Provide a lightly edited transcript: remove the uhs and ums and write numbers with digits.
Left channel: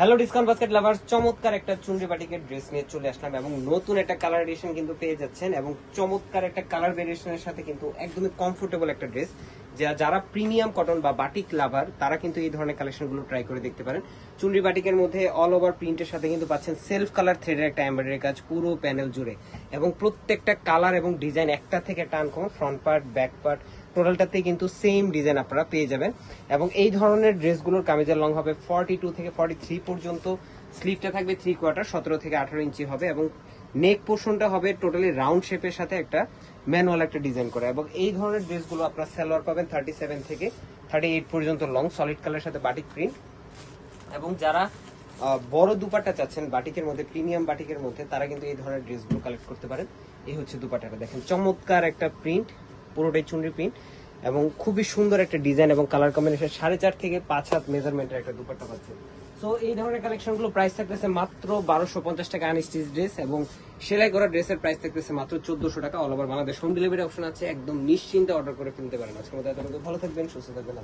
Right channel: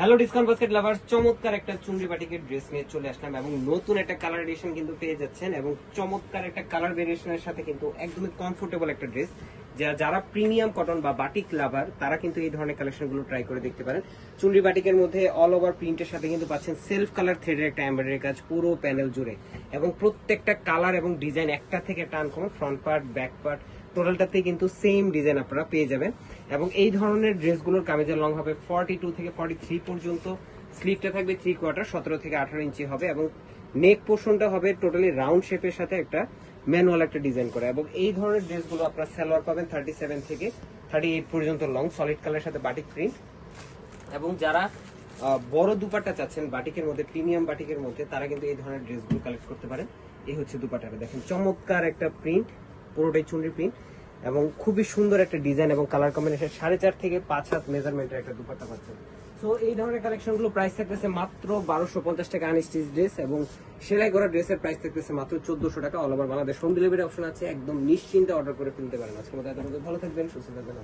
Hello discount basket lovers, চমৎকার একটা চুনরি বাটিকের ড্রেস নিয়ে চলে আসলাম এবং নতুন একটা কালার এডিশন কিন্তু পেয়ে যাচ্ছেন এবং চমৎকার একটা কালার ভেরিয়েশনের সাথে কিন্তু একদমই কমফোর্টেবল একটা ড্রেস। যারা প্রিমিয়াম কটন বা বাটিক লাভার তারা কিন্তু এই ধরনের কালেকশনগুলো ট্রাই করে দেখতে পারেন। চুনরি বাটিকের মধ্যে অল ওভার প্রিন্টের সাথে কিন্তু পাচ্ছেন সেলফ কালার থ্রেডের একটা এমব্রয়ডারি কাজ পুরো প্যানেল জুড়ে এবং প্রত্যেকটা কালার এবং ডিজাইন একটা থেকে একটা uncommon, front part back part টোটালটাতেই কিন্তু সেম ডিজাইন আপনারা পেয়ে যাবেন। এবং এই ধরনের ড্রেসগুলোর কামিজের লং হবে 42 থেকে 43 পর্যন্ত, স্লিভটা থাকবে 3/4 17 থেকে 18 ইঞ্চি হবে এবং নেক পোর্শনটা হবে টোটালি রাউন্ড শেপের সাথে একটা ম্যানুয়াল একটা ডিজাইন করা। এবং এই ধরনের ড্রেসগুলো আপনারা সালোয়ার পাবেন 37 থেকে 38 পর্যন্ত লং, সলিড কালারের সাথে বাটিক প্রিন্ট। এবং যারা বড় দুপাট্টা চাচ্ছেন বাটিকের মধ্যে, প্রিমিয়াম বাটিকের মধ্যে, তারা কিন্তু এই ধরনের ড্রেসগুলো কালেক্ট করতে পারেন। এই হচ্ছে দুপাট্টাটা, দেখেন চমৎকার একটা প্রিন্ট, পুরোটাই চুনরি প্রিন্ট এবং খুবই সুন্দর একটা ডিজাইন এবং কালার কম্বিনেশন। 4.5 থেকে 5 হাত মেজারমেন্টের একটা দুপাট্টা পাচ্ছে। সো এই ধরনের কালেকশনগুলো প্রাইস থাকতেছে মাত্র 1250 টাকা আনস্টিচ ড্রেস এবং সেলাই করা ড্রেসের প্রাইস থাকতেছে মাত্র 1400 টাকা। All over Bangladesh home delivery option আছে, একদম নিশ্চিন্তে অর্ডার করে ফেলতে পারেন। আজকে ভালো থাকবেন, সুস্থ থাকবেন।